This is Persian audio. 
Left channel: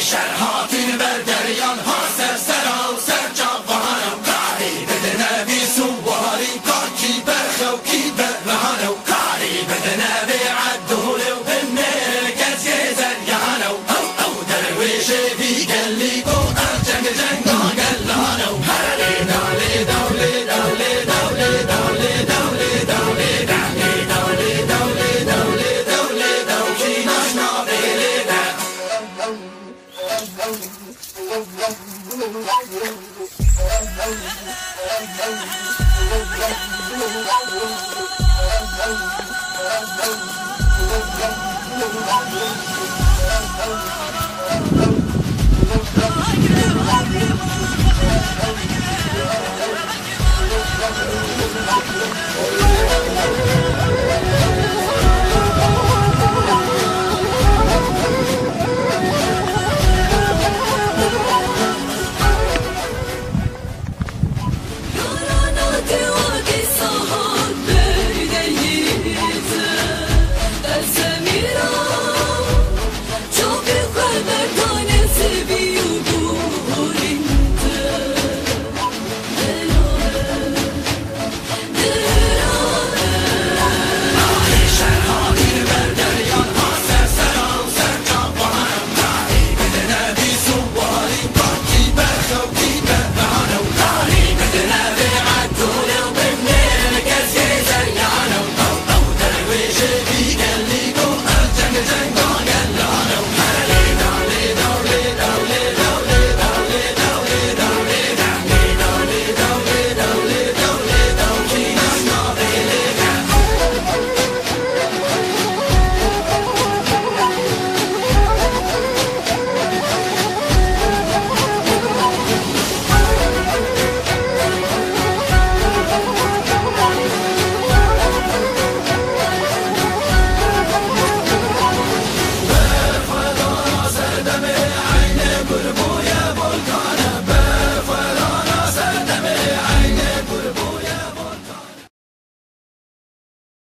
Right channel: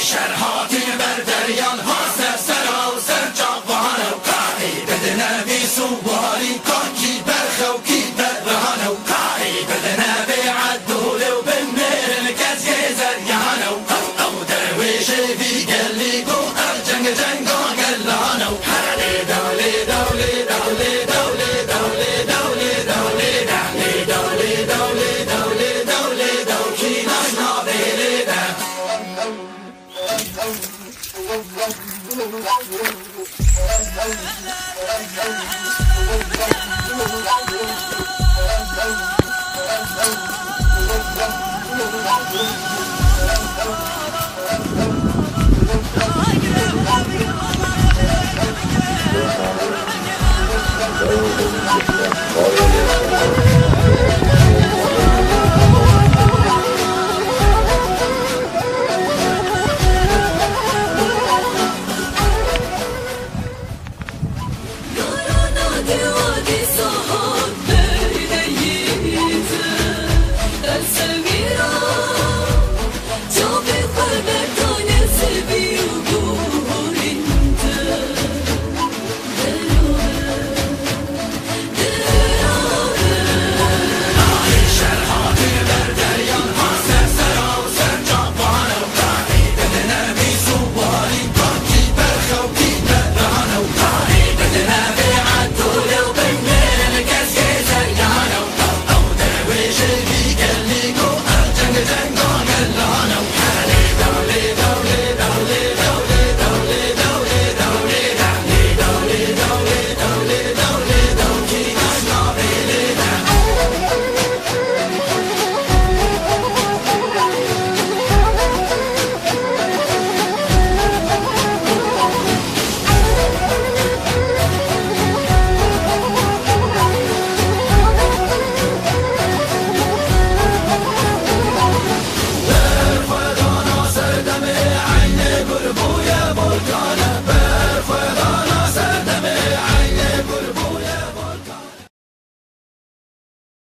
شرحاتی بر دریان ها سر و سر جوان و کاری بدنه بی سواری کاکی برخ و کی برهان و کاری بدنه بی عدول و بمیر لکزی زریان او درویش بی گلی بو جنگ گلان و هلی دولی دولی دولی دولی دولی دولی دولی دولی دولی دولی دولی دولی دولی ناشنا بیلی Oh,